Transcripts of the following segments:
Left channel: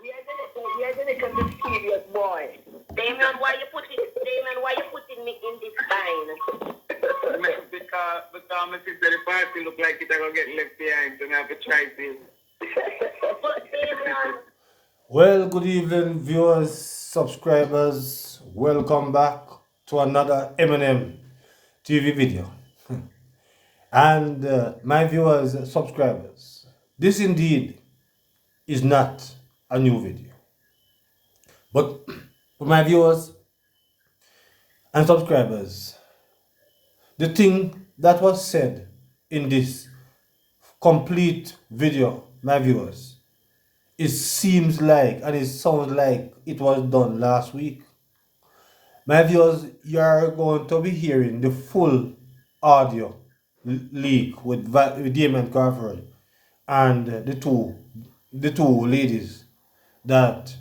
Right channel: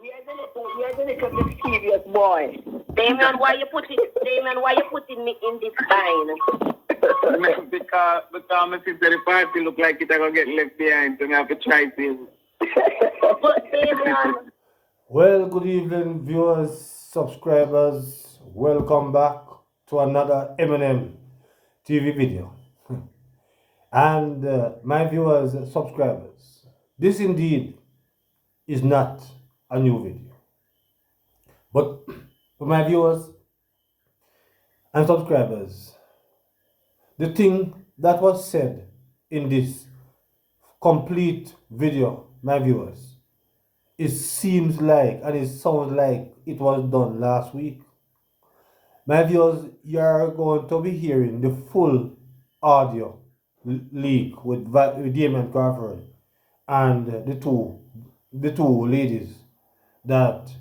We are gonna come to serious boy. Damian, why you putting me in this bind? because my sister the party look like it gonna get left behind, so I have to try to. But Damian, Well, good evening, viewers, subscribers. Welcome back to another Eminem TV video. And my viewers, subscribers, this indeed is not a new video. But for my viewers and subscribers, the thing that was said in this complete video, my viewers, it seems like and it sounds like it was done last week. My viewers, you're going to be hearing the full audio leak with Damian Crawford and the two ladies that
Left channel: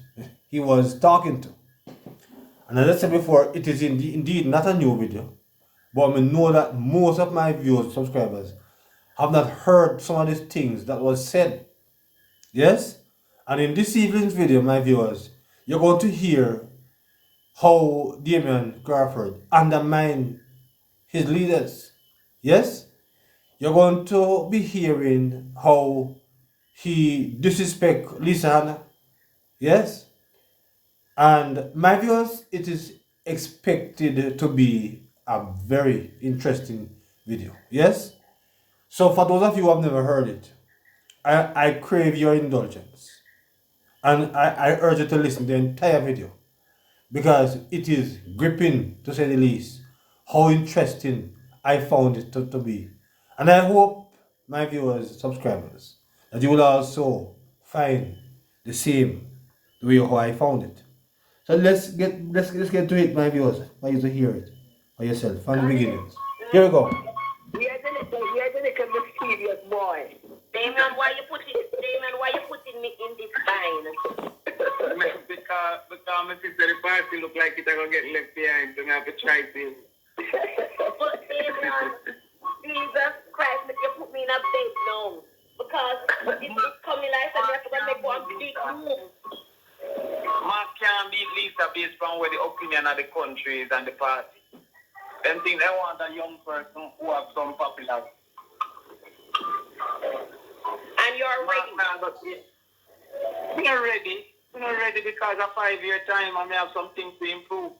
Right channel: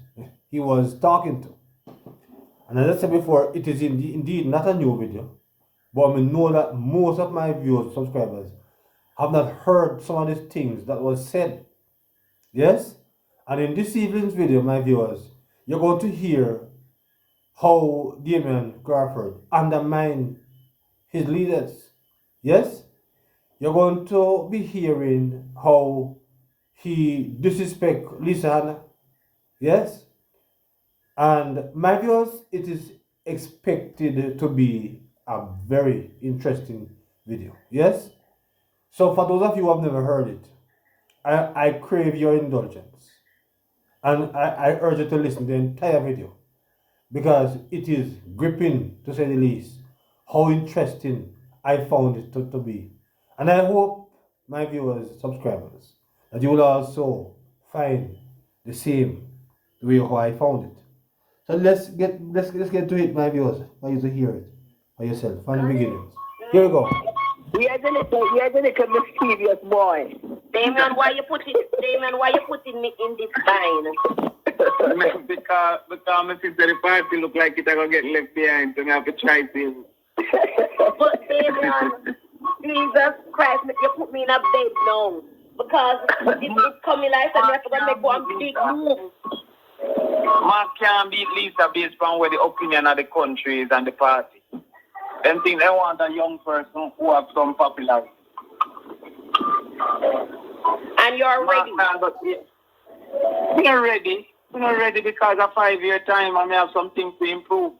he was talking to. And as I said before, it is indeed not a new video, but I know that most of my viewers, subscribers, have not heard some of these things that was said. Yes? And in this evening's video, my viewers, you're going to hear how Damian Crawford undermined his leaders. Yes? You're going to be hearing how he disrespect Lisa Hanna. Yes? And my viewers, it is expected to be a very interesting video. Yes? So for those of you who have never heard it, I crave your indulgence. And I urge you to listen to the entire video because it is gripping, to say the least, how interesting I found it to be. And I hope, my viewers, subscribers, that you will also find the same the way how I found it. So let's get to it, my viewers, for you to hear it for yourself from the beginnings. Here we go. we are gonna come to serious boy. Damian, why you putting me in this bind? because my sister the party look like it gonna get left behind, so I have to try to. But Damian, Jesus Christ, you put me in a bed now. Because it's coming like I have to make one big move. Mark can't beat Lisa based on where the opinion of the country is and the party. Them think they want a young person who have some popularity. And you're ready. We're ready. We're not ready because of 5 year time I may have some things to improve.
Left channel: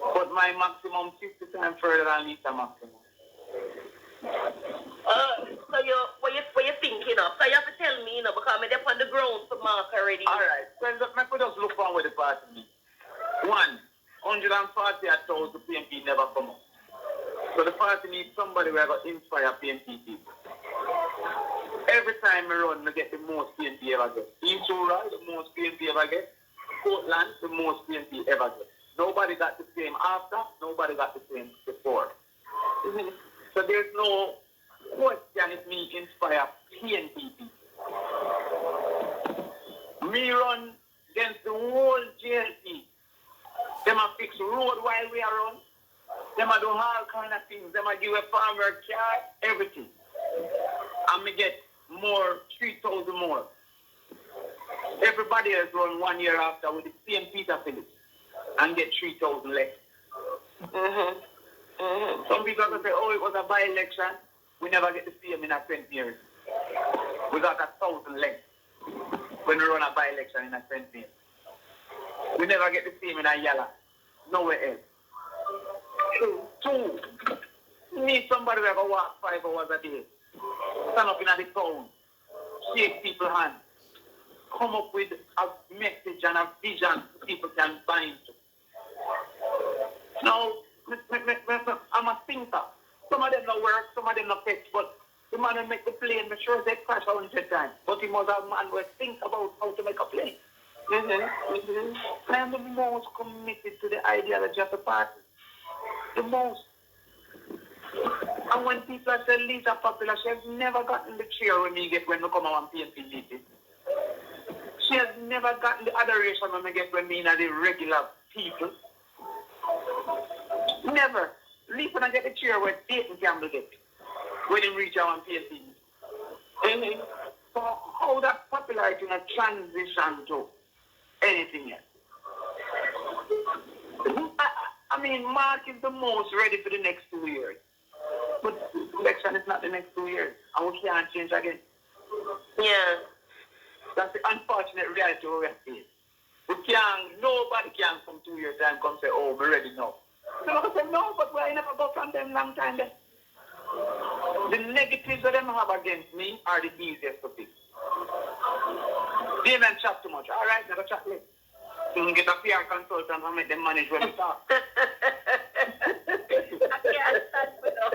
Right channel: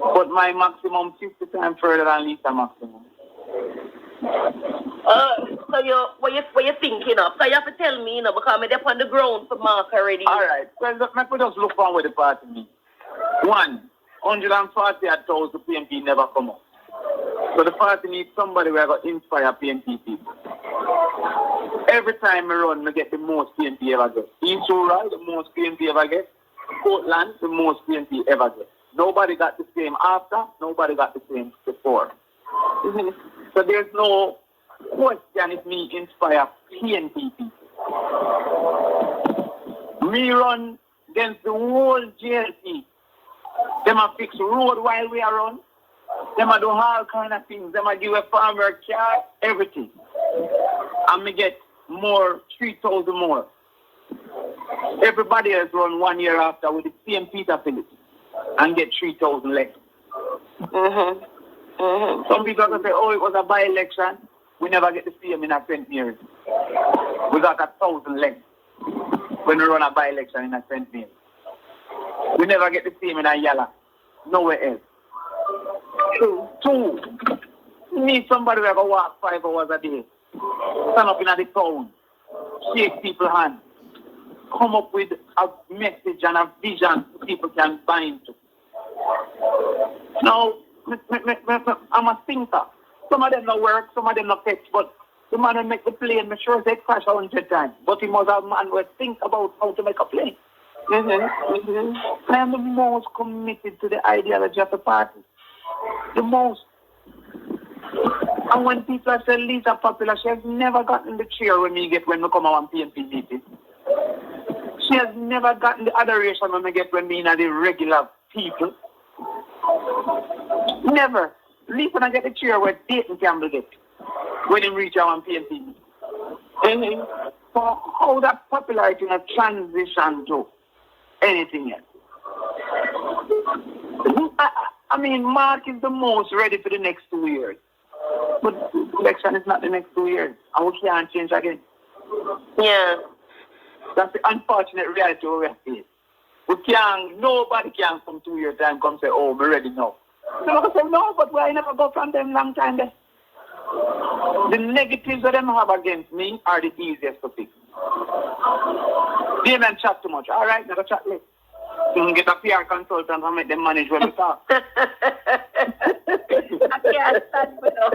But my maximum 50 times further than Lisa maximum. So what you thinking of? So you have to tell me, because I'm up on the ground for Mark already. All right. Well, let me just look on with the party means. 140,000 PNP never come up. So the party needs somebody who will inspire PNP people. Every time I run, I get the most PNP ever get. East Rural, the most PNP ever get. Portland, the most PNP ever get. Nobody got the same after, nobody got the same before. So there's no question if me inspire PNP people. Me run against the whole JLP. Them a fix road while we are on. Them a do all kind of things. Them a give a farmer car, everything. And me get more, 3,000 more. Everybody else run 1 year after with the same Peter Phillips and get 3,000 less. Some people can say, oh, it was a by-election. We never get to see him in a 20 years. We got 1,000 less when we run a by-election in a 20 years. We never get to see him in a yellow. Nowhere else. Two. You need somebody who ever walk 5 hours a day. Stand up in the town. Shake people's hands. Come up with a message and a vision people can bind to. Now, I'm a thinker. Some of them don't work, some of them don't fetch, but the man who make the plane, I'm sure they crash 100 times. But he must have a man who think about how to make a plane. I am the most committed to the ideology of the party. The most. And when people say Lisa popular, she has never gotten the cheer when we come on PNP meeting. She has never gotten the adoration when we get when we are the regular people. Never. Lisa don't get the cheer where Dayton Campbell get when he reach our PNP meeting. for how that popularity has transitioned to anything else. I mean, Mark is the most ready for the next 2 years. But election is not the next 2 years. And we can't change again. Yeah. That's the unfortunate reality we are facing. Nobody can come 2 years time come say, oh, we're ready now. So I say, no, but I never go from them long time there. The negatives that them have against me are the easiest to fix. Damian chat too much. All right, never chat less. You can get a PR consultant and make them manage when we talk. I can't stand with them.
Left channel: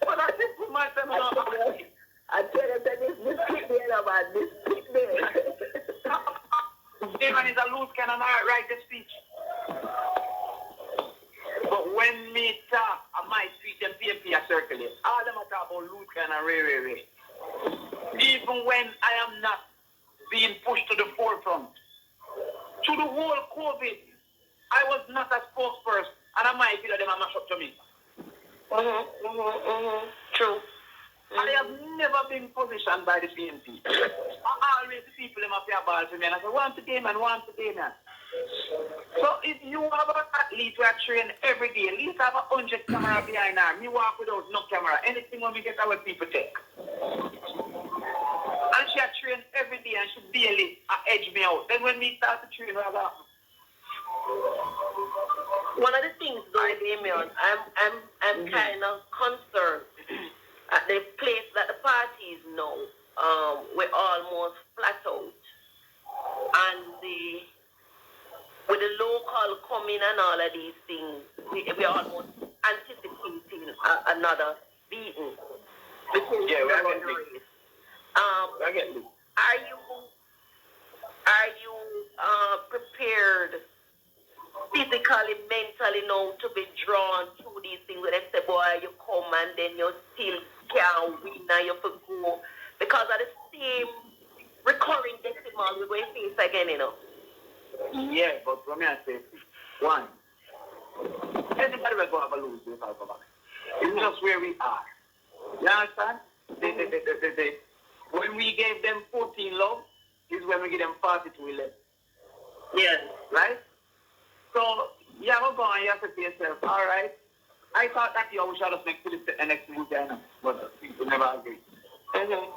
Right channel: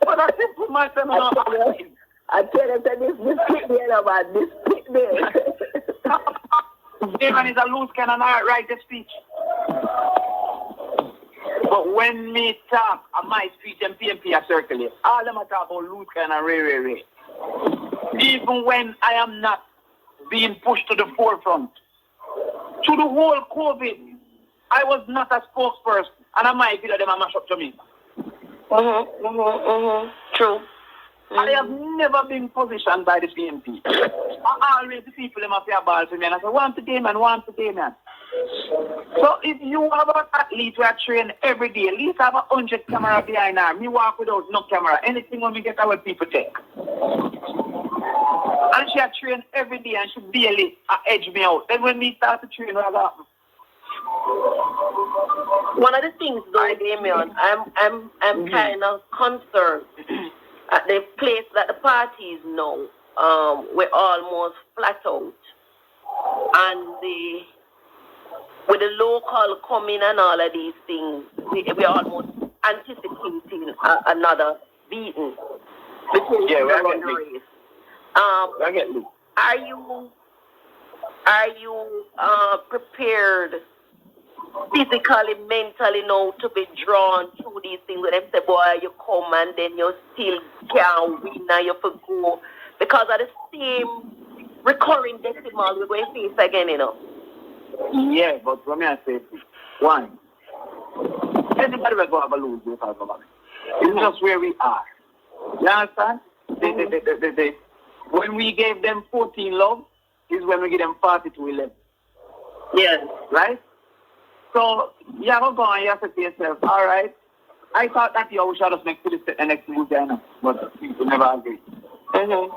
But that's it for myself. I tell you, this pick there, man. This pick there. Damian is a loose cannon, I write the speech. But when me talk, I might speech and PNP are circulate. All them are talk about loose cannon, Ray. Even when I am not being pushed to the forefront. To the whole COVID, I was not a spokesperson, and I might feel that them a mash up to me. True. I have never been positioned by the PNP. I always the people them up here ball to me, and I say, want to Damian. So if you have an athlete who are trained every day, at least have 100 camera behind her. Me walk without no camera. Anything when we get our people take. And she had trained every day and she barely edge me out. Then when we start to train, what happened? One of the things though, Damian, I'm kind of concerned at the place that the party is now. We're almost flat out. And with the local coming and all of these things, we're almost anticipating another beating. Yeah, we're getting race. Are you prepared physically, mentally now to be drawn through these things? When they say, boy, you come and then you still can't win and you have to go because of the same recurring decimal we're going to face again, you know. Yeah, but let me say, one, anybody will go have a lose because of that. It's just where we are. You understand? When we gave them 14 love, is when we give them 40-11. Yes. Right? So, you have to go and you have to say yourself, all right, I thought that you should have next to the next move there, but people never agree. You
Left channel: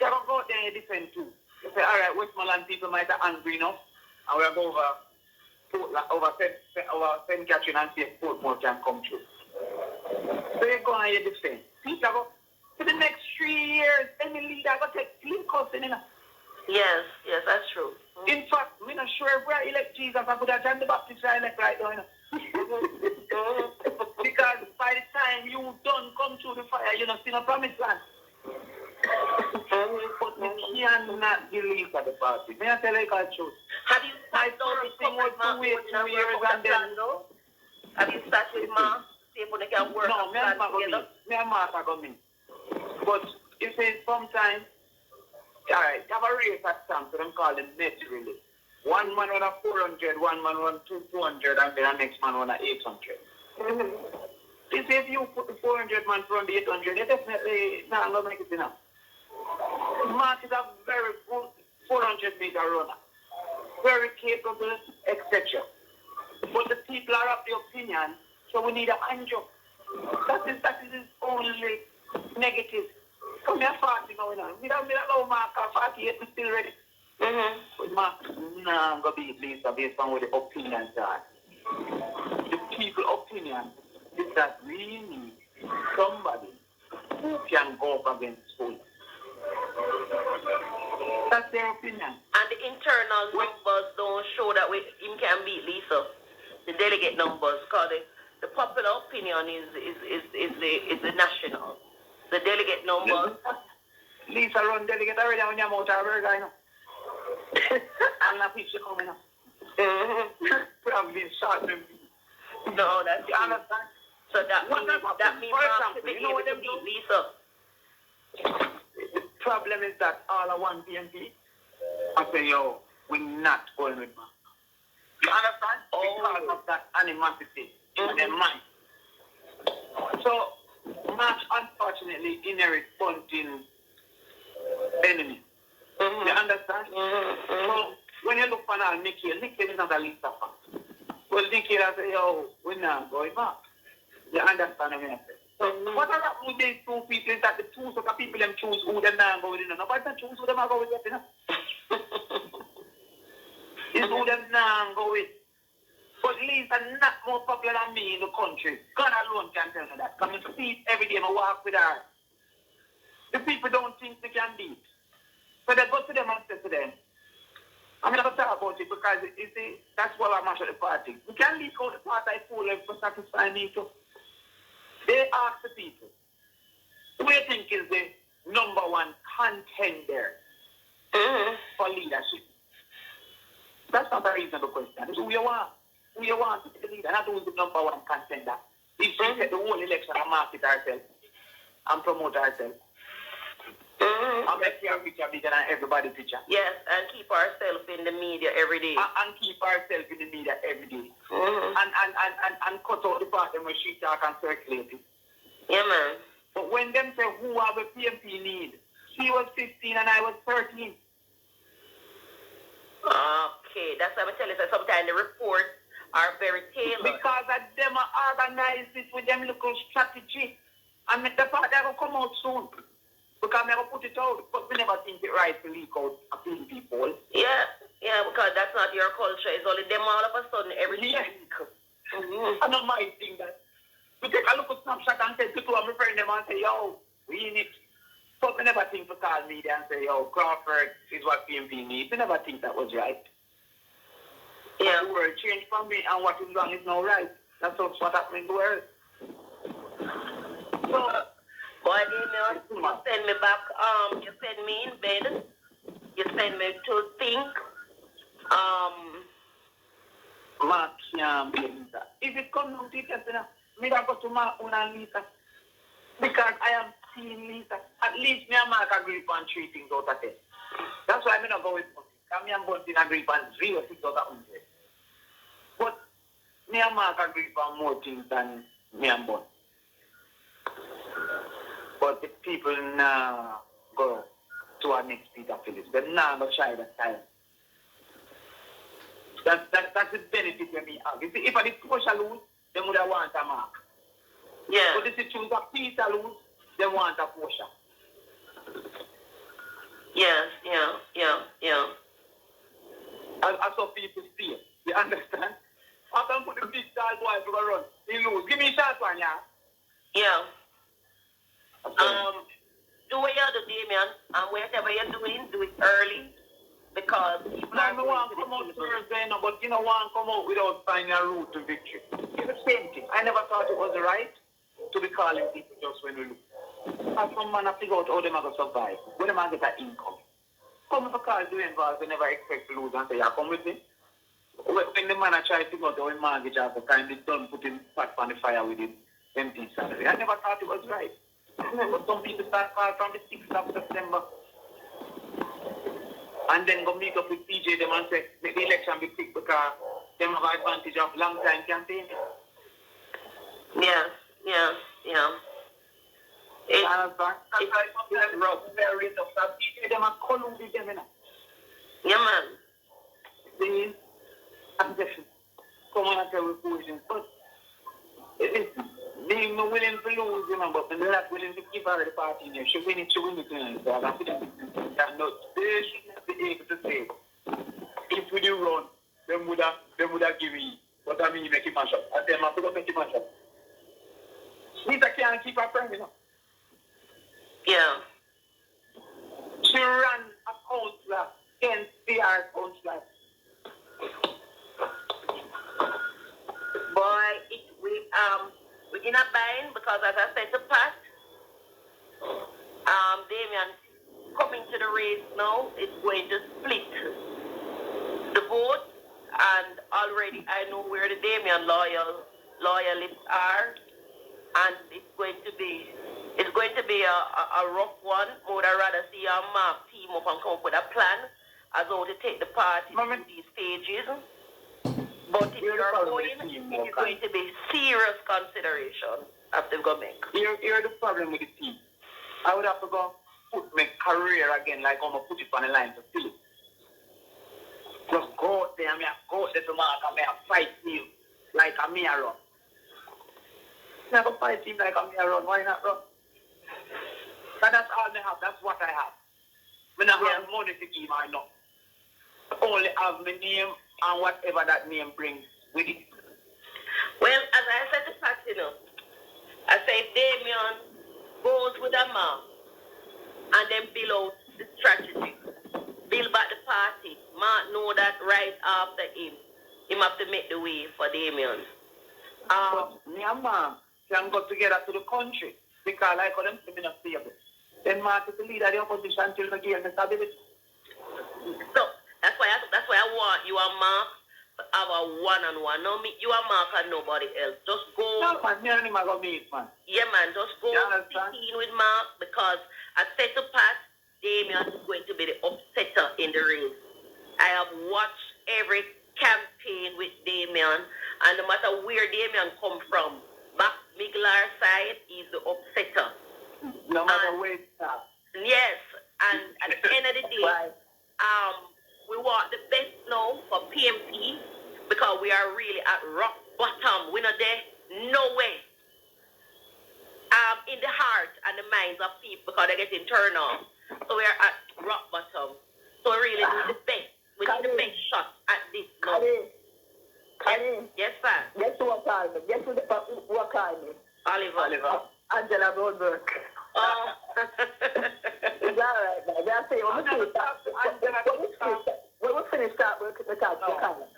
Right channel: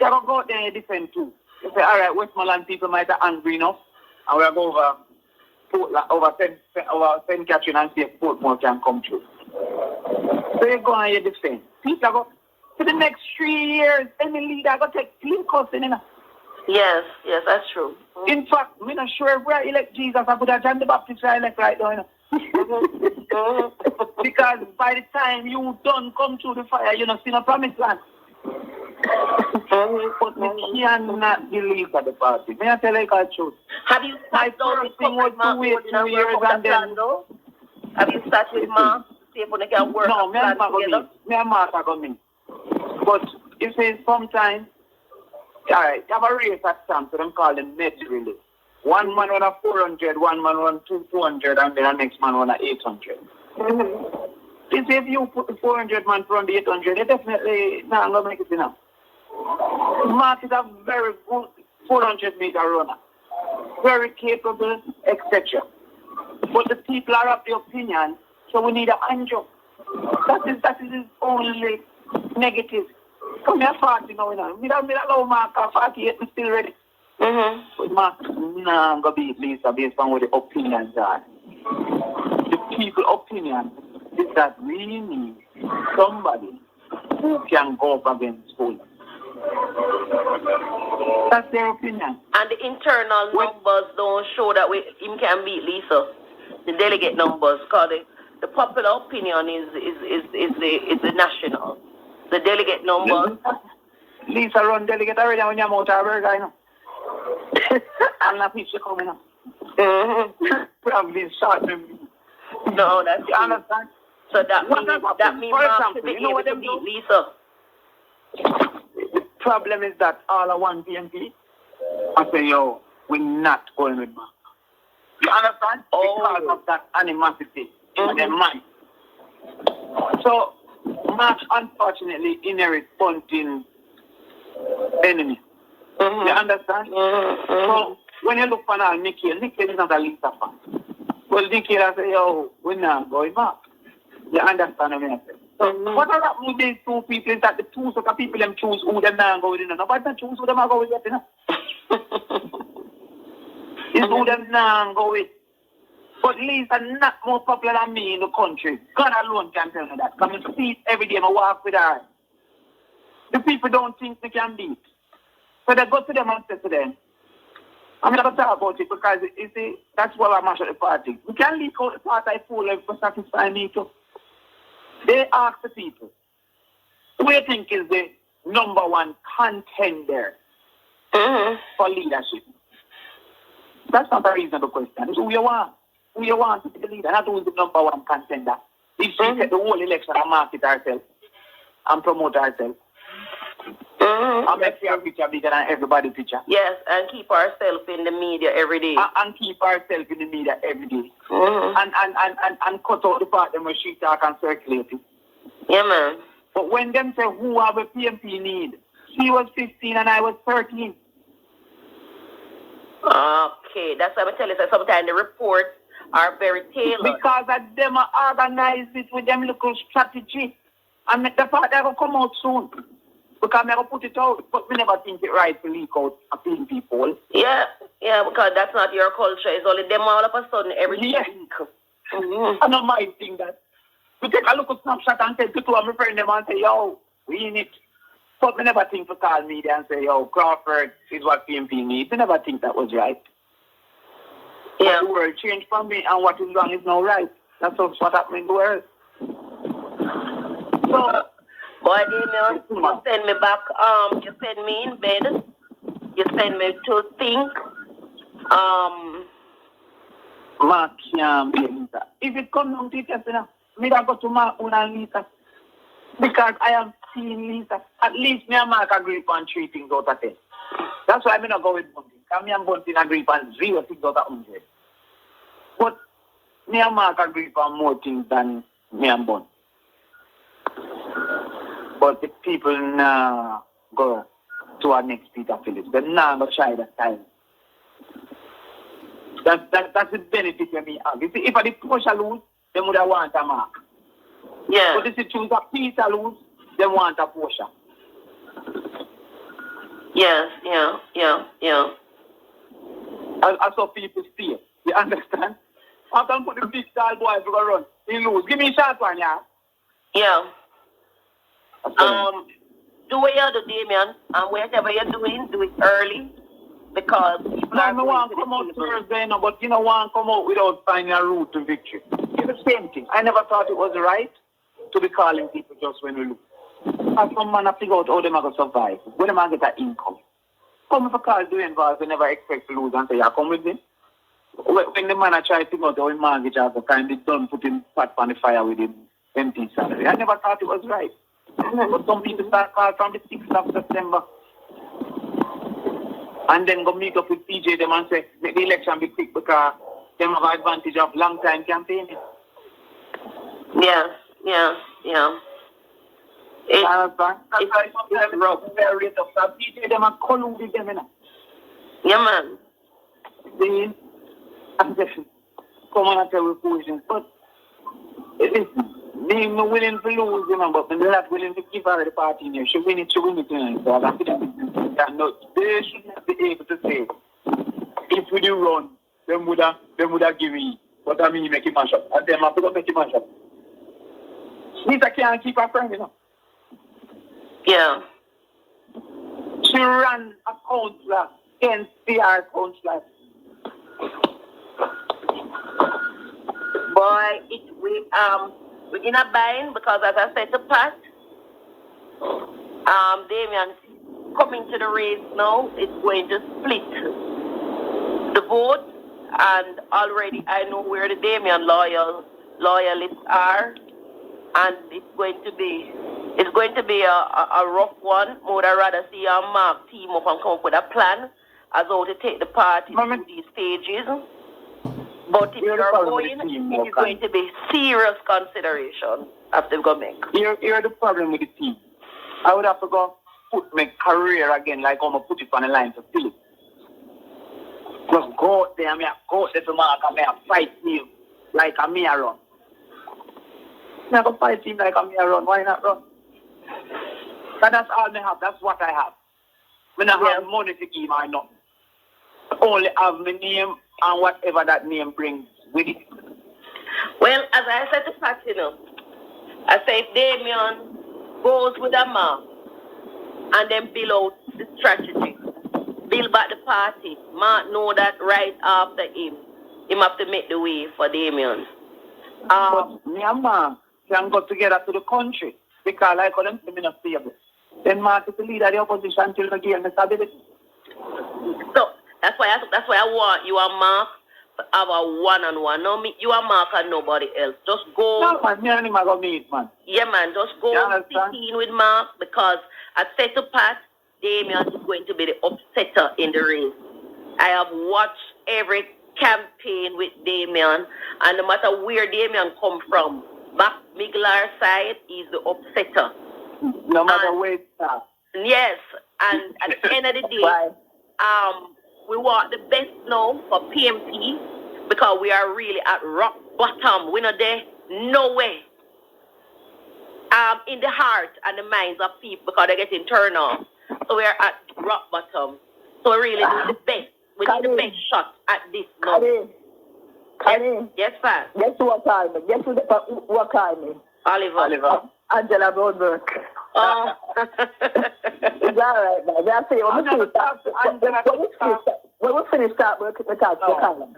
have to go out there and defend too. You say, all right, Westmoreland people might have angry enough, and we'll go over St. Catherine and see if Portmore can come through. So you go and you defend. People go, for the next 3 years, any leader going to take clean custody. Yes, that's true. In fact, I'm not sure if I elect Jesus, I could have John the Baptist I elect right now. Because by the time you done come through the fire, you don't see no promised land. But we cannot believe at the party. May I tell you the truth? Have you started first thing was to wait 2 years and then... Have you started with Mark? See if we can work no, me and Mark are coming. But you see, sometimes, all right, have a race at Sam, so them call them net relay. One man run a 400, one man run 200, and then the next man run a 800. You see, if you put the 400 man from the 800, they definitely not going to make it enough. Mark is a very good 400-meter runner. Very capable, etc. But the people are of the opinion, so we need a Andrew. That is his only negative. Come here, 40 now, you know. We don't allow Mark at 48, we're still ready. But Mark, nah, I'm going to beat Lisa based on what the opinions are. The people's opinion is that we need somebody who can go up against school. That's their opinion. And the internal numbers don't show that him can beat Lisa. The delegate numbers, because the popular opinion is the national. The delegate numbers. Lisa run delegate already when you're out of her guy now. I'm not people coming up. Probably shot them. No, that's you understand? So that means Mark to be able to beat Lisa. The problem is that all I want PNP, I say, yo, we're not going with Mark. You understand? Because of that animosity in their mind. So, Mark unfortunately inherits Bunting's enemy. You understand? So when you look for now, Nikhil is not a Lisa fan. Well, Nikhil I say, yo, we're not going back. You understand what I mean? So what are happening with these two people is that the two sort of people them choose who them now go with, you know. Nobody can choose who them are go with, you know. It's who them now go with. But Lisa not more popular than me in the country. God alone can tell me that. Come and see it every day, I walk with her. The people don't think they can beat. So they go to them and say to them, I'm not going to talk about it because you see, that's why I'm at the party. We can leak out the party full for satisfying me too. They ask the people, who do you think is the number one contender for leadership? That's not a reasonable question. It's who you want. Who you want to be the leader, not who is the number one contender. If she set the whole election and market herself and promote herself. And make her picture bigger than everybody's picture. Yes, and keep ourselves in the media every day. And keep ourselves in the media every day. And cut out the part where she talk and circulate it. Yeah, man. But when them say who have a PNP need, she was 15 and I was 13. Okay, that's what I tell you. So sometimes the reports are very tailored. Because of them organize it with them little strategy. And the part that will come out soon. Because I never put it out, but we never think it right to leak out a few people. Yeah, because that's not your culture. It's only them all of a sudden every week. I don't mind think that. We take a look at snapshot and say to my friend them and say, yo, we in it. But we never think to call media and say, yo, Crawford is what PNP needs. We never think that was right. Yeah. But the world changed from me and what is wrong is now right. That's what happened in the world. So, boy, Damian, you send me back, you send me in bed, you send me to think, Mark can't be Lisa. If it comes down to it, you know, me I go to Mark and Lisa. Because I am seeing Lisa. At least me and Mark agree on 3 things out of 10. That's why I'm not going with something. Because me and Bunting agree on 0 things out of 100. But me and Mark agree on more things than me and Bunting. But the people now go to our next Peter Phillips. They're now going to try that time. That's the benefit when we have. You see, if I did Porsche lose, they would have want a Mark. Yeah. But if you choose a Peter lose, they want a Porsche. Yeah. I saw people see it. You understand? I can put the big star boy to go run. He lose. Give me a shot one, yeah? Yeah. Do what you do, Damian, and whatever you're doing, do it early. Because people I want to come out Thursday, no, but you don't want to come out without finding a route to victory. It's the same thing. I never thought it was right to be calling people just when we lose. As some man have figure out how they are going to survive, when they get that income. Come if a call doing bars, they never expect to lose and say, yeah, come with me. When the man try to figure out how his mortgage has kind of done putting pot on the fire with him empty salary. I never thought it was right. But some people start call from the 6th of September. And then go meet up with PJ them and say, make the election be quick because they have advantage of long time campaigning. Yeah. It's rough, very tough. So PJ them and collude with them, you know. Yeah, man. See? I'm just come on and tell me positions. But being willing to lose, you know, but they're not willing to give her the party in there. She win it, you know. So I think they should not be able to say, if we do run, them would have given me. But I mean, make it mash up. And them have to go make it mash up. Lisa can't keep her friend, you know. Yeah. She ran a councillor against PR councillor. Boy, we're in a bind because, as I said to Pat, Damian coming to the race now is going to split the vote, and already I know where the Damian loyalists are, and it's going to be a rough one. Would I rather see Mark team up and come up with a plan as how to take the party through these stages. But if you're going, it is going to be serious consideration after going to make. Here's the problem with the team. I would have to go put my career again like I'm going to put it on the line to Philip. Just go out there, I go out there to mark and I fight him like a me run. I go fight him like a me run. Why not run? But that's all I have. That's what I have. When I have money to give, I know. Only have my name and whatever that name brings with it. Well, as I said to Pat, I say if Damian goes with a mark and then build out the strategy, build back the party, Mark know that right after him have to make the way for Damian. But me and Mark can go together to the country because I couldn't see me not stable. Then Mark is the leader of the opposition till the game is stability. So that's why I want you and Mark to have a one-on-one. No, me, you and Mark and nobody else. Just go. No, man, me and him are going to meet, man. Yeah, man, just go 15 with Mark because I said to Pat, Damian is going to be the upsetter in the race. I have watched every campaign with Damian, and no matter where Damian come from, back Miglar side, he's the upsetter. No matter where it's at. Yes, and at the end of the day, we want the best now for PNP because we are really at rock bottom. We're not there, no way. In the heart and the minds of people because they're getting turned off. So we're at rock bottom. So we really need the best. We need the best shot at this now. Yes, sir. Guess what called me? Guess what called me? Oliver. Angela Broadberg. Oh. It's all right, man. That's it. When we finish start, we'll talk to Carla.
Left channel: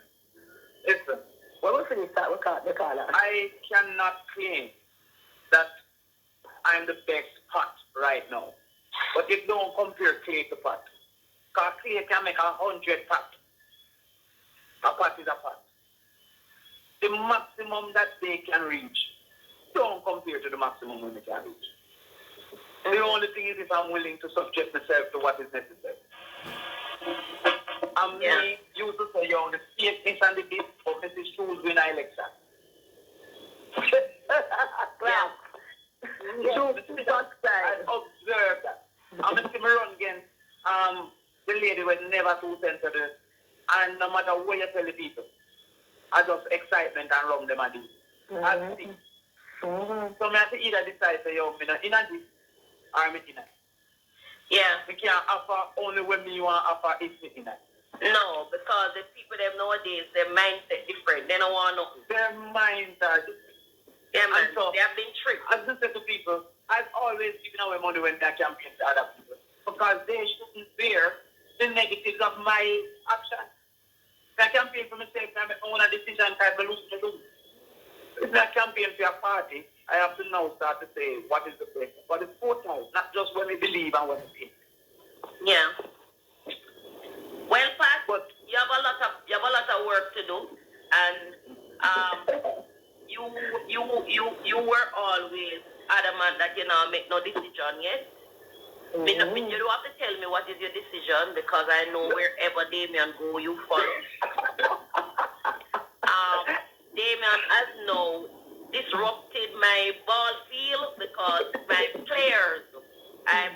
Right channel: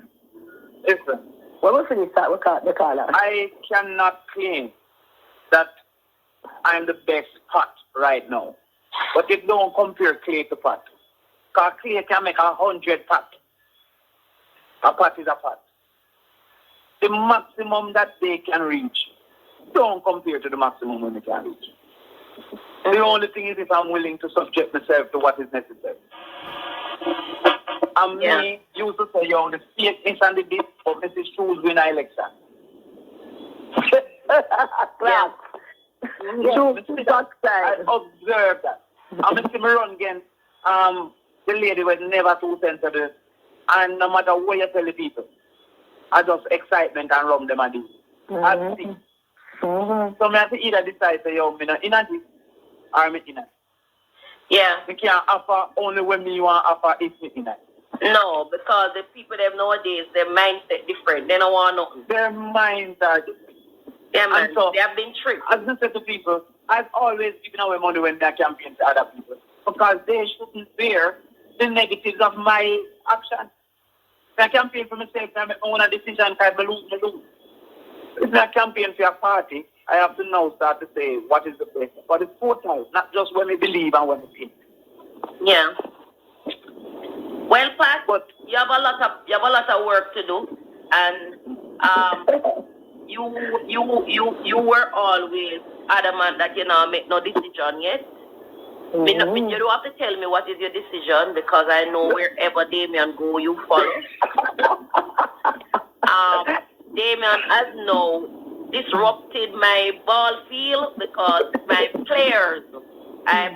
Listen. When we finish start, we'll talk to Carla. I cannot claim that I'm the best pot right now. But it don't compare Clay to pot. Because Clay can make 100 pot. A pot is a pot. The maximum that they can reach don't compare to the maximum when they can reach. The only thing is if I'm willing to subject myself to what is necessary. And me used to say, the statements and the bits of Mrs. Schultz win an election. Yeah. I observed that. I'm going to run against the lady was never too sensitive. And no matter what you tell the people, I just excitement and run them and do. I see. So I have to either decide, say, I'm not in this or I'm in it. Yeah. You can't offer only when you want to offer if you're in it. No, because the people them nowadays, their mindset different. They don't want nothing. Their minds are different. Yeah, man. So, they have been tricked. As I said to people, I've always given away money when they campaign to other people because they shouldn't bear the negatives of my action. If I campaign for myself, I make my own decision, I lose. If I campaign for a party, I have to now start to say what is the best. But it's 4 times, not just when we believe and when we think. Yeah. Well, Pat, but you have a lot of work to do, and you were always adamant that you know make no decision yet. You don't have to tell me what is your decision because I know wherever Damian go, you follow. Damian has now disrupted my ball field because my players. I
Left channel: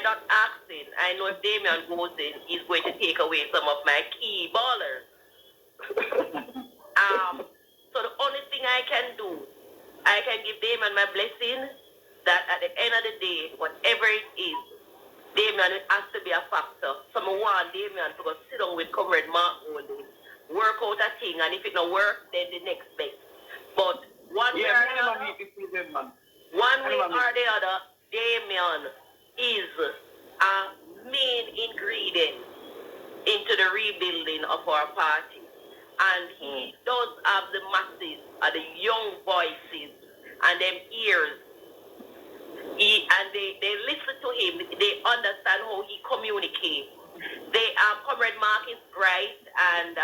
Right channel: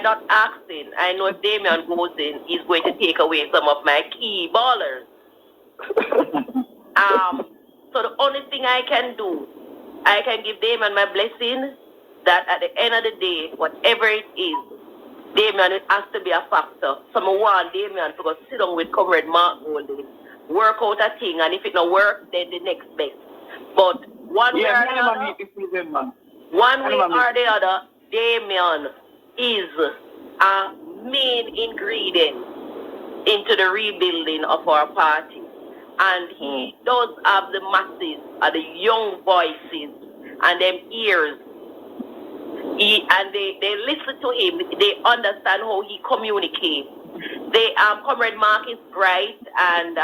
don't asking. I know if Damian goes in, he's going to take away some of my key ballers. So the only thing I can do, I can give Damian my blessing that at the end of the day, whatever it is, Damian has to be a factor. So I want Damian to go sit down with Comrade Mark Golding, work out a thing, and if it don't work, then the next best. But one way or the other, Damian is a main ingredient into the rebuilding of our party. And he does have the masses, the young voices, and them ears. They listen to him. They understand how he communicates. Comrade Mark is bright, and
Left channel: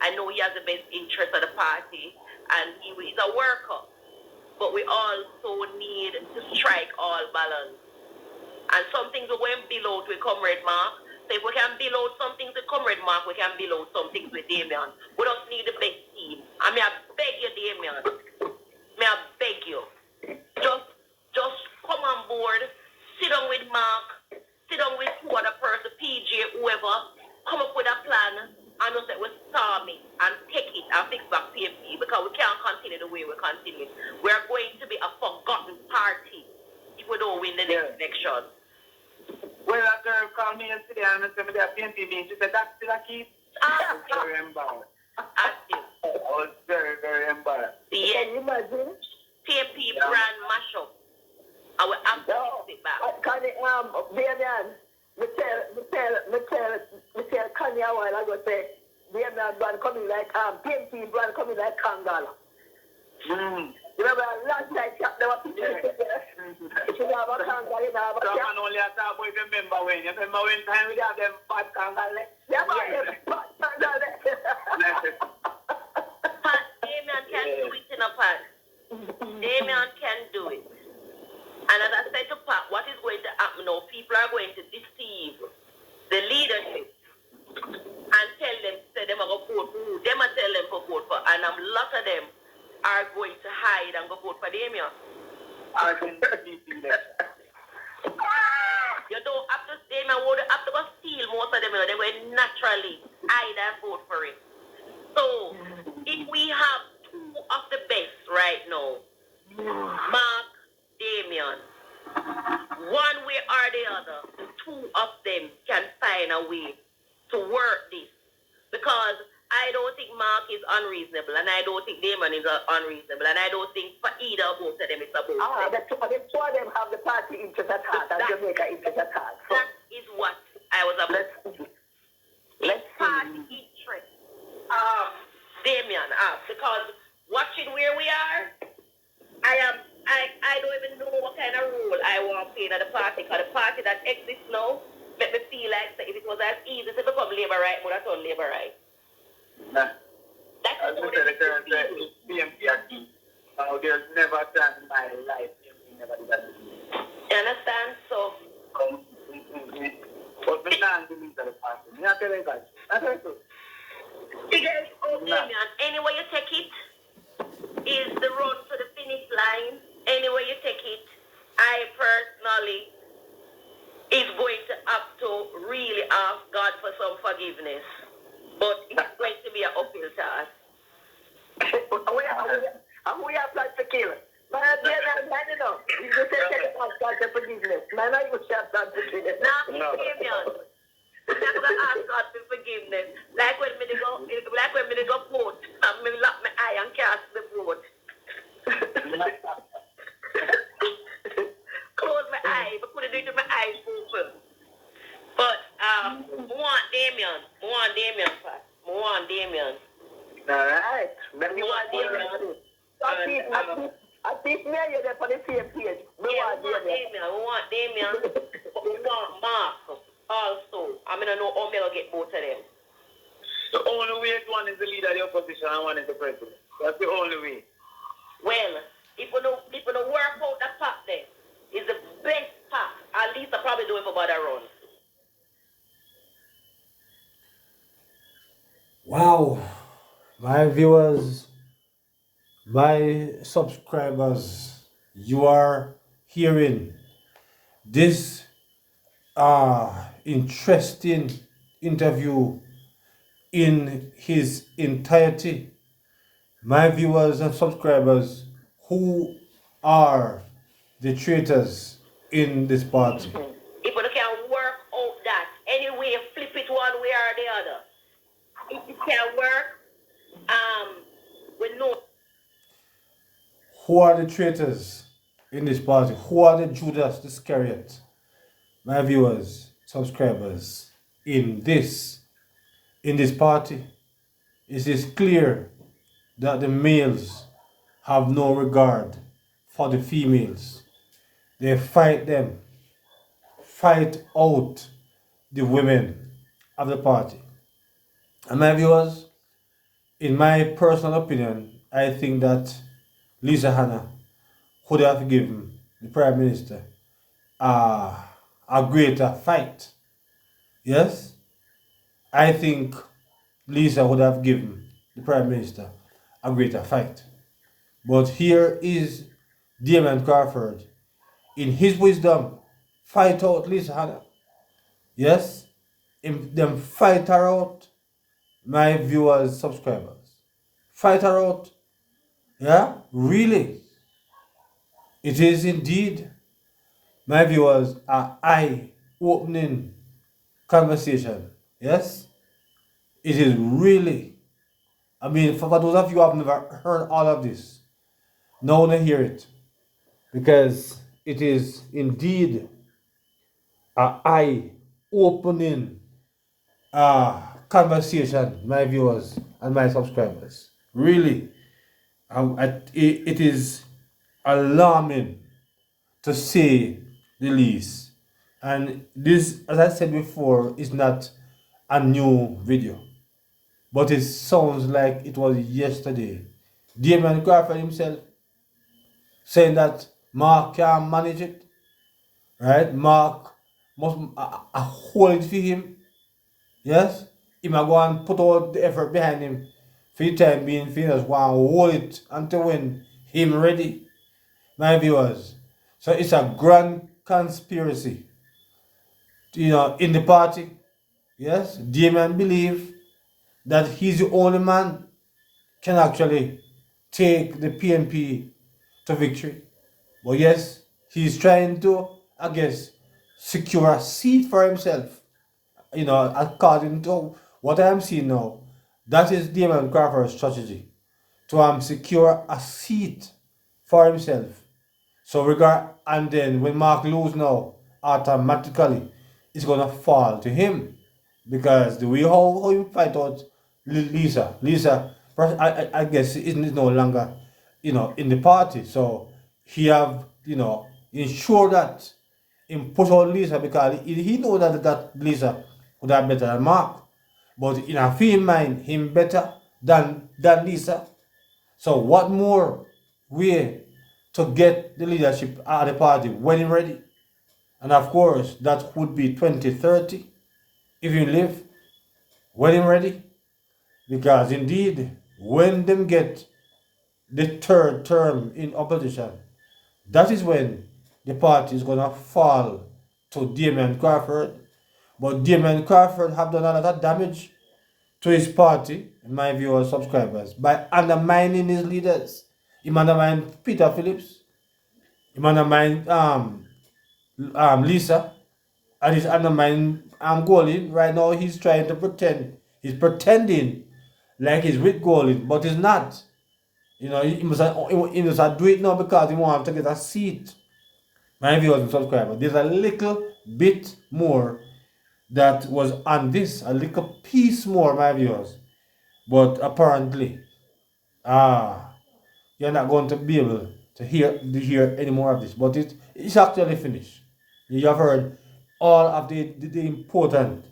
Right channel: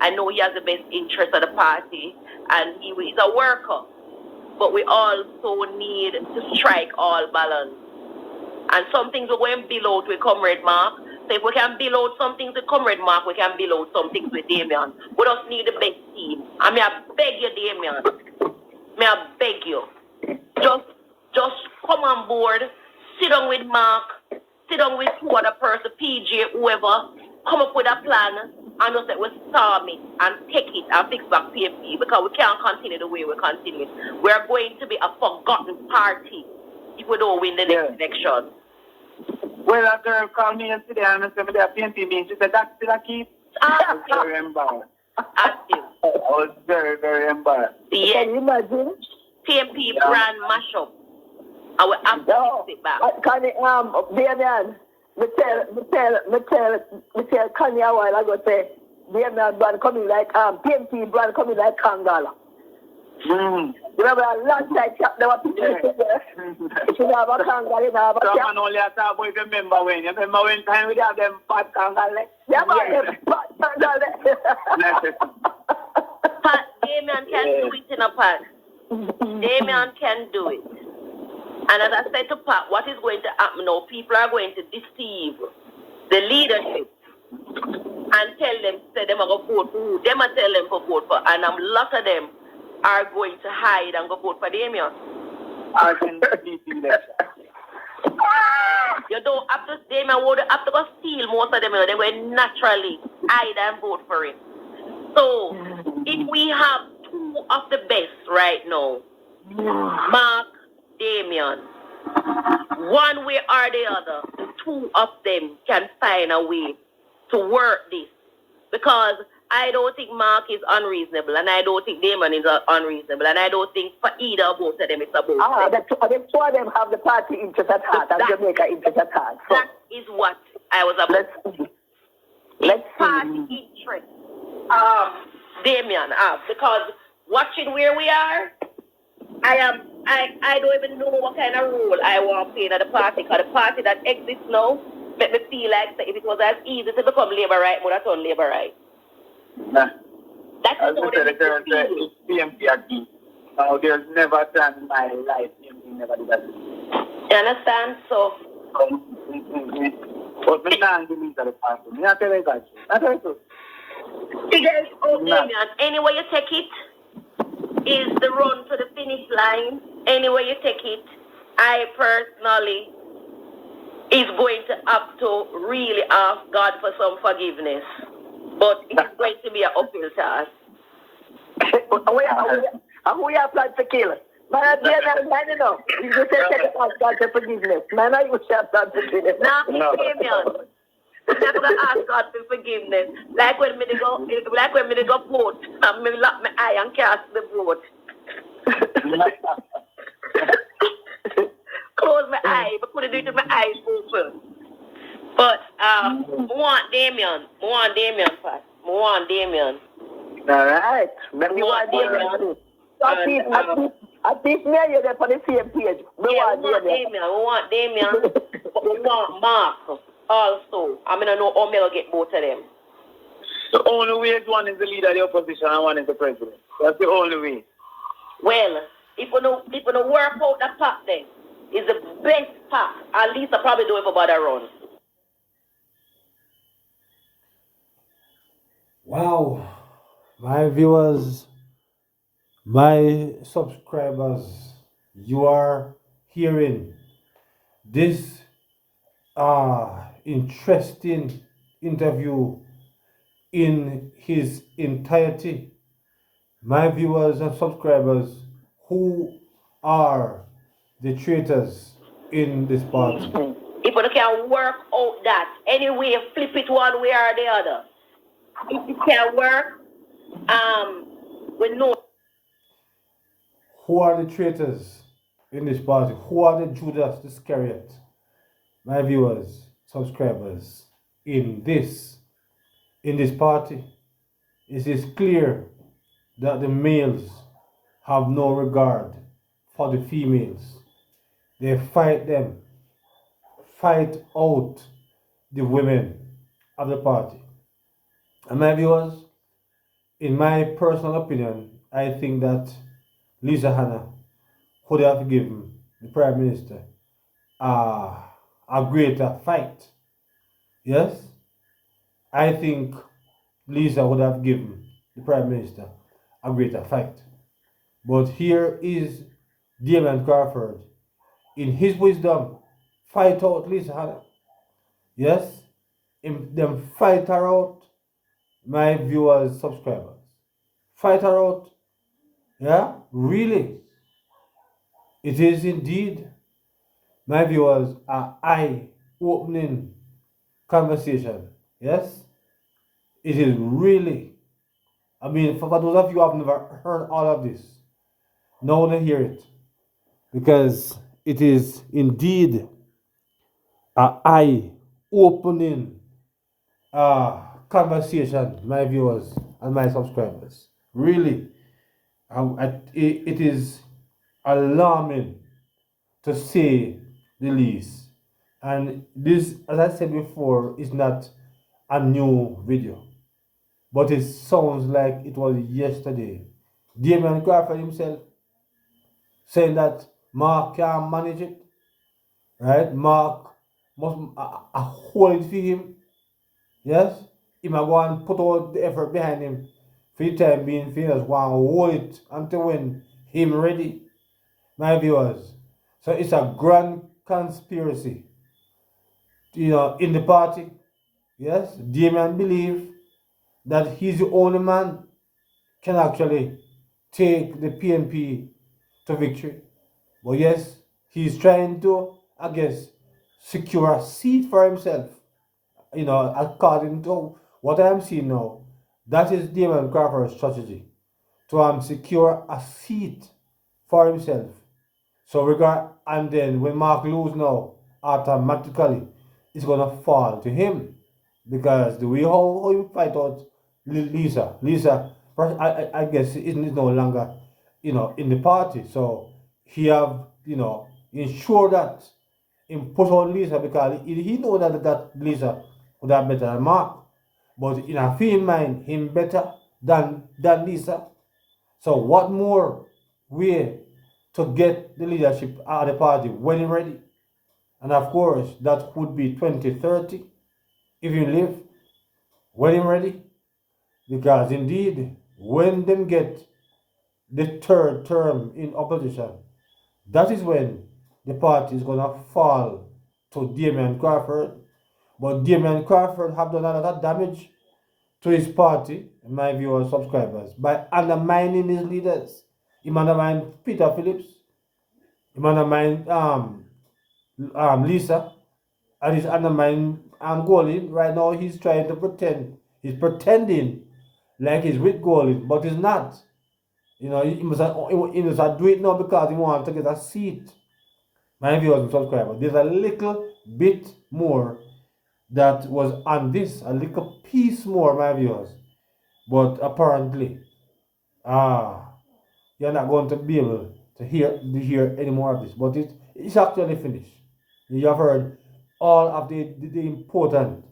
I know he has the best interest of the party, and he is a worker. But we also need to strike all balance. And some things we're going to build out with Comrade Mark. So if we can build out some things with Comrade Mark, we can build out some things with Damian. We just need the best team. I mean, I beg you, Damian. I beg you. Just come on board, sit down with Mark, sit down with two other person, PJ, whoever, come up with a plan and just say we storm it and take it and fix back PNP because we can't continue the way we continue. We are going to be a forgotten party if we don't win the next election. Well, a girl called me yesterday and said that PNP means she said that's still a keep. I was very embarrassed. Active. I was very, very embarrassed. Yes. Can you imagine? PNP brand mashup. And we have to fix it back. Can Damian, me tell Kanye a while ago say, Damian brand coming like, PNP brand coming like Kangala. You remember a long time there were people there. If you have a Kangala, you have a cat. Someone only a talk about remember when. You remember when time we have them fat Kangala? Yeah, but them fat Kangala. Pat, Damian can do it in a part. Damian can do it. And as I said to Pat, what is going to happen now, people are going to deceive the leadership and tell them, say them are going to vote for who. Them are tell them to vote for, and a lot of them are going to hide and go vote for Damian. I can see that. You don't have to, Damian would have to go steal most of them. They will naturally hide and vote for him. So, if we have two of the best right now, Mark, Damian, one way or the other, the two of them can find a way to work this. Because I don't think Mark is unreasonable, and I don't think Damian is unreasonable, and I don't think for either or both of them it's about the two of them have the party interest at heart and Jamaica interest at heart. So that is what I was about. Let's party interest. Damian, because watching where we are, I don't even know what kind of role I want to play in the party, because the party that exists now make me feel like if it was as easy to become labor right, would have done labor right. Nah. That's As what I said, it's PNP again. Now, there's never a time in my life PNP never did that. You understand? So, but me not believe that the party. Me not tell you that. I tell you so. figures out Damian. Anyway you take it is the run to the finish line. Anyway you take it, I personally is going to have to really ask God for some forgiveness. But it's going to be an uphill task. And we are planning to kill. Man, you know, you just say ask God for forgiveness. Man, I used to have planned to kill it. Now, Damian, I'm not going to ask God for forgiveness. Like when me go vote, and me lock my eye and cast the vote. Close my eye, but put it into my eyes open. But I want Damian, Pat. I want Damian. All right. Maybe you want Damian. At least me and you there for the same page. We want Damian, but we want Mark also. I mean, I know how I'll get both of them. The only way is one is the leader of the opposition and one is the president. That's the only way. Well, if we don't work out the path then, is the best path. At least I probably do it for about a run. Wow, my viewers, my subscribers, you are hearing this interesting interview in his entirety. My viewers and subscribers, who are the traitors in this party? If we can work out that, anyway, flip it one way or the other. If it can work, we know. Who are the traitors in this party? Who are the Judas Iscariot? My viewers, subscribers, in this party, it is clear that the males have no regard for the females. They fight them, fight out the women of the party. And my viewers, in my personal opinion, I think that Lisa Hanna would have given the Prime Minister a greater fight. Yes? I think Lisa would have given the Prime Minister a greater fight. But here is Damian Crawford, in his wisdom, fight out Lisa Hanna. Yes? Them fight her out, my viewers, subscribers. Fight her out. Yeah? Really? It is indeed, my viewers, an eye-opening conversation. Yes? It is really. I mean, for those of you who have never heard all of this, now want to hear it. Because it is indeed an eye-opening conversation, my viewers and my subscribers. Really, it is alarming to say the least. And this, as I said before, is not a new video, but it sounds like it was yesterday. Damian Crawford himself saying that Mark can't manage it, right? Mark must hold it for him. Yes? He might go and put all the effort behind him for the time being, for just want to hold it until when him ready, my viewers. So it's a grand conspiracy, in the party. Yes? Damian believe that he's the only man can actually take the PNP to victory. But yes, he's trying to, I guess, secure a seat for himself. According to what I'm seeing now, that is Damian Crawford's strategy to secure a seat for himself. So and then when Mark lose now, automatically it's gonna fall to him because the way how you fight out Lisa, I guess is no longer in the party. So he have ensure that him push out Lisa because he know that Lisa would have better than Mark. But in a film mind, him better than Lisa. So what more way to get the leadership of the party when he's ready? And of course, that would be 2030 if you live when he's ready. Because indeed, when them get the third term in opposition, that is when the party is going to fall to Damian Crawford. But Damian Crawford have done a lot of damage to his party, in my viewers, subscribers, by undermining his leaders. He undermined Peter Phillips, he undermined Lisa, and he's undermining Golin. Right now, he's trying to pretend. He's pretending like he's with Golin, but he's not. He must do it now because he wants to get a seat. My viewers and subscribers, there's a little bit more that was on this, a little piece more, my viewers. But apparently, you're not going to be able to hear any more of this. But it's actually finished. You have heard all of the important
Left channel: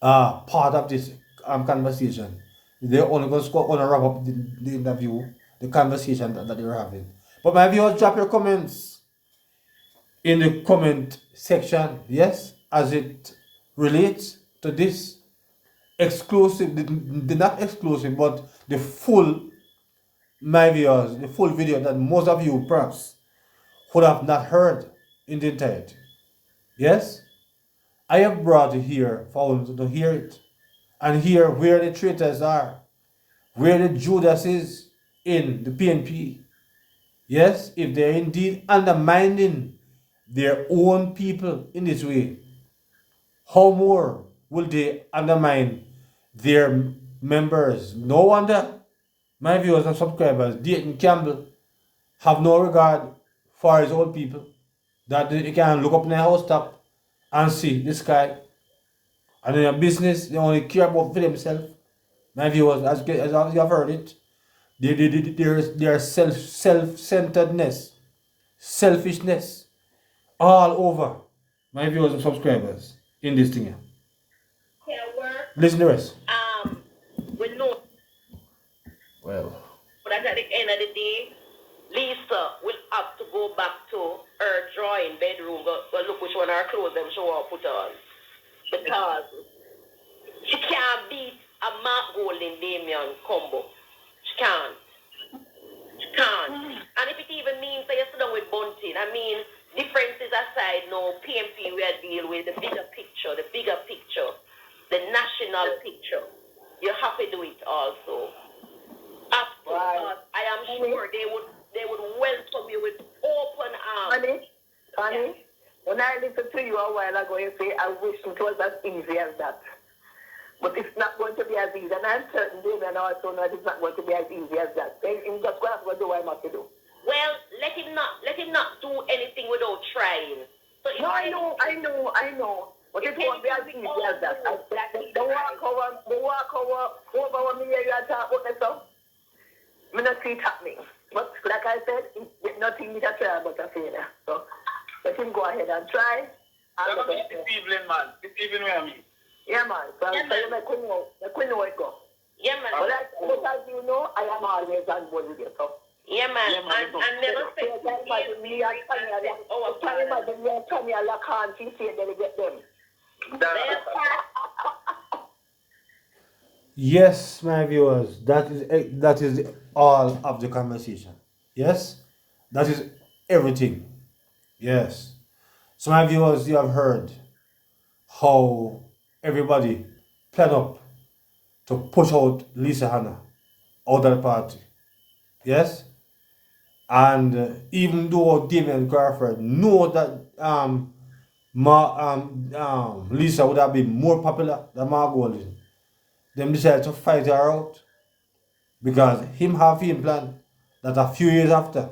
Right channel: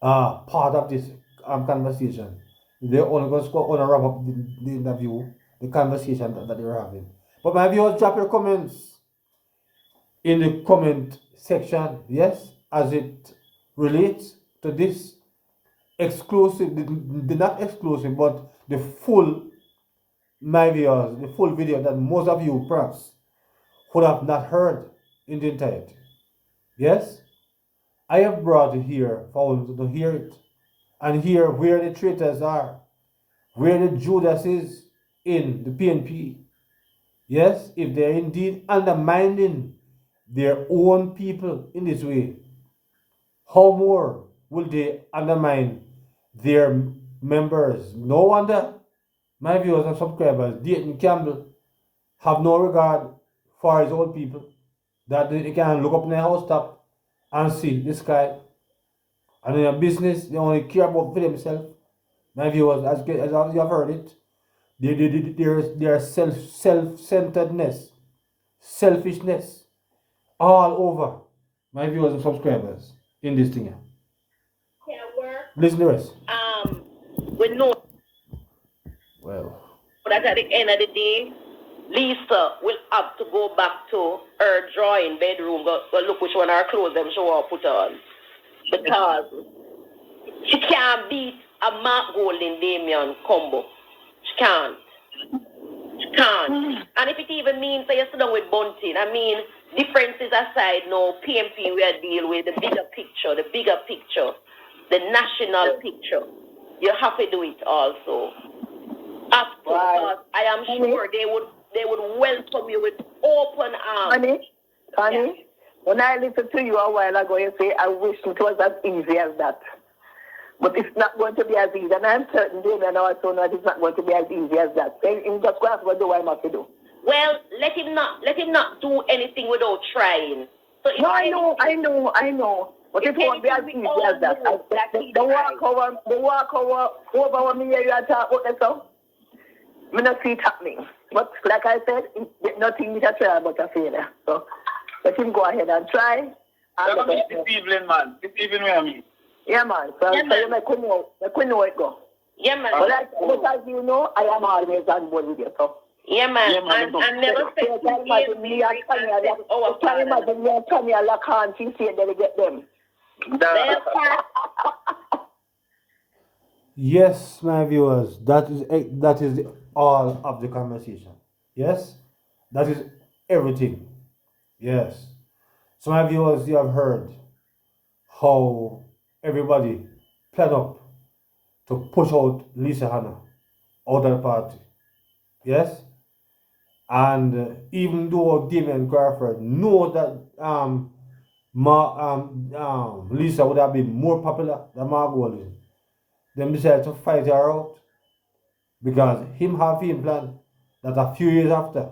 part of this conversation. They're only going to wrap up the interview, the conversation that they're having. But my viewers, drop your comments in the comment section, yes, as it relates to this exclusive, the not exclusive, but the full, my viewers, the full video that most of you perhaps would have not heard in the entirety. Yes? I have brought you here for you to hear it and hear where the traitors are, where the Judas is in the PNP. Yes, if they're indeed undermining their own people in this way, how more will they undermine their members? No wonder my viewers and subscribers, Dayton Campbell, have no regard for his own people, that they can look up in their house top and see the sky. And in their business, they only care about for themselves. My viewers, as you have heard it, their self-centeredness, selfishness, all over my viewers and subscribers in this thing. Listen to us. We know Well, that at the end of the day, Lisa will have to go back to her drawing bedroom, go look which one her clothes them she want to put on. Because she can't beat a Mark Golding Damian combo. She can't. She can't. And if it even means that you sit down with Bunting, I mean, differences aside, no, PNP we are dealing with the bigger picture, the national picture. You have to do it also. After, Right. I am sure they would welcome you with open arms. Honey, when I listened to you a while ago, you say, I wish it was as easy as that. But it's not going to be as easy. And I'm certain, Damian also knows it's not going to be as easy as that. He's just going to do what he must do. Well, let him not do anything without trying. So no, I know. But it won't be as easy as that. The walk over when me hear you talk about that stuff, I not see it happening. But like I said, it's nothing we can try about a failure. So let him go ahead and try. This evening, man. This evening, where I mean. Yeah, man. So you couldn't know it go. Yeah, man. But as you know, I am always on board with you. So. Yeah, man. I'm never saying imagine me and Tanya Lacan, she said that they get them. Yes, my viewers, that is all of the conversation. Yes, that is everything. Yes. So, my viewers, you have heard how everybody planned up to push out Lisa Hanna out of the party. Yes, and even though Damian Crawford know that Lisa would have been more popular than Margolin, them decided to fight her out because him have him plan that a few years after,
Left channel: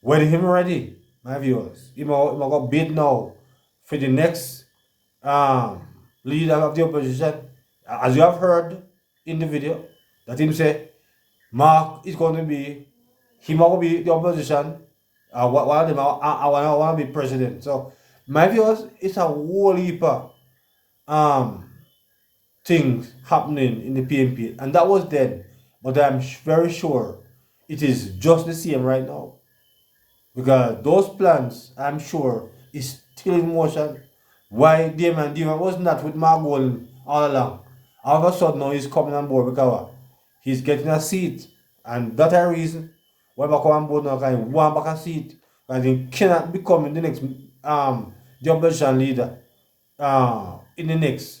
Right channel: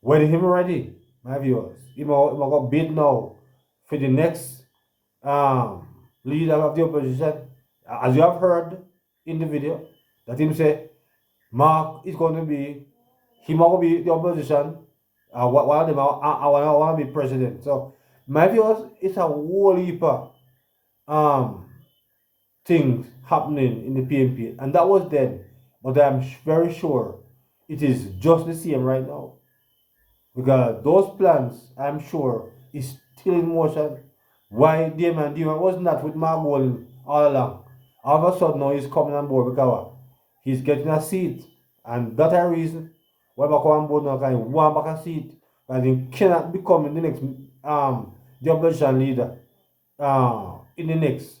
when him ready, my viewers, him go bid now for the next leader of the opposition, as you have heard in the video, that him say Mark is going to be, he might be the opposition, one of them I want to be president. So my viewers, it's a whole heap of things happening in the PNP, and that was then, but I'm very sure it is just the same right now, because those plans, I'm sure, is still in motion. Why Damian was not with Margol all along? All of a sudden now he's coming on board because he's getting a seat, and that's a reason why back on board now, because he want back a seat, because he cannot become the next the opposition leader in the next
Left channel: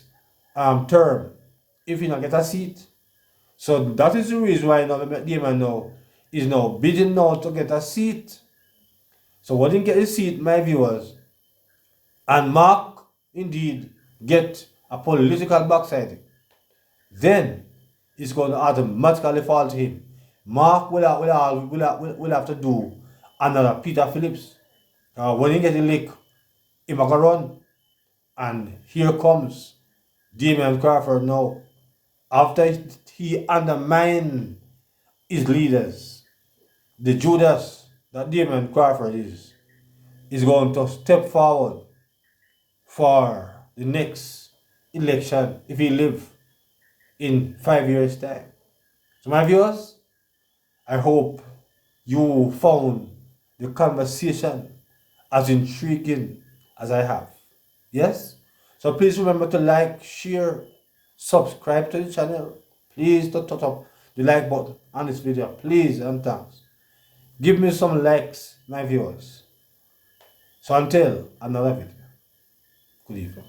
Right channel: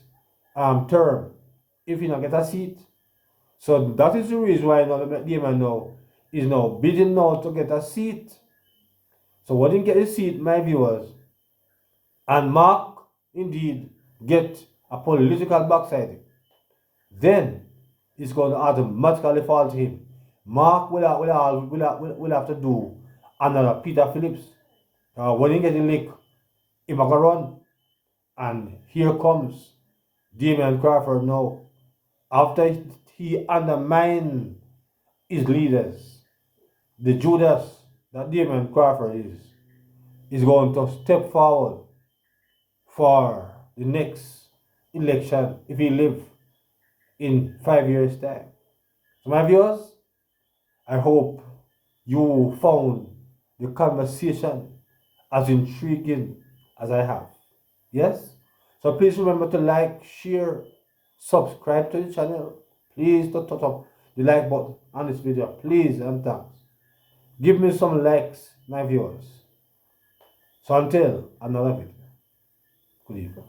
term if he not get a seat. So that is the reason why now Damian now is now bidding now to get a seat. So when he get a seat, my viewers, and Mark indeed get a political backside, then it's going to automatically fall to him. Mark will have to do another Peter Phillips. When he get the lick, he might run. And here comes Damian Crawford now. After he undermined his leaders, the Judas that Damian Crawford is going to step forward for the next election if he live in 5 years' time. So my viewers, I hope you found the conversation as intriguing as I have. Yes? So please remember to like, share, subscribe to the channel. Please don't touch up the like button on this video. Please and thanks. Give me some likes, my viewers. So until another video. Good evening.